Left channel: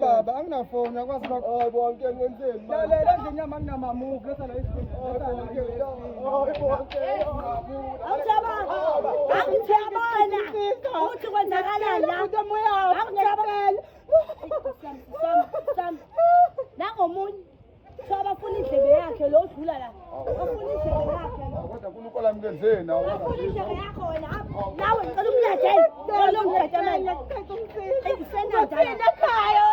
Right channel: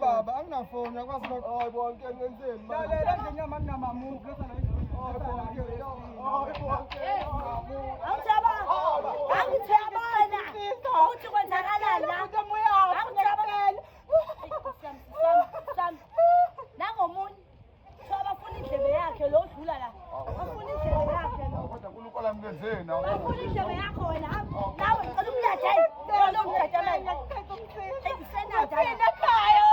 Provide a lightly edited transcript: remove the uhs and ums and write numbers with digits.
baba anginafoni akwazi bonke ngenzeni lalela nje nyama nginama-move nangomunye so abafuna indlebe yakhe lo odlula la bafuna indlebe yakhe kodwa uNkulunkulu amngenzeni nawe bafuna indlebe yakho wena nawe ngicela umlade ngicela umlade manje ekhaya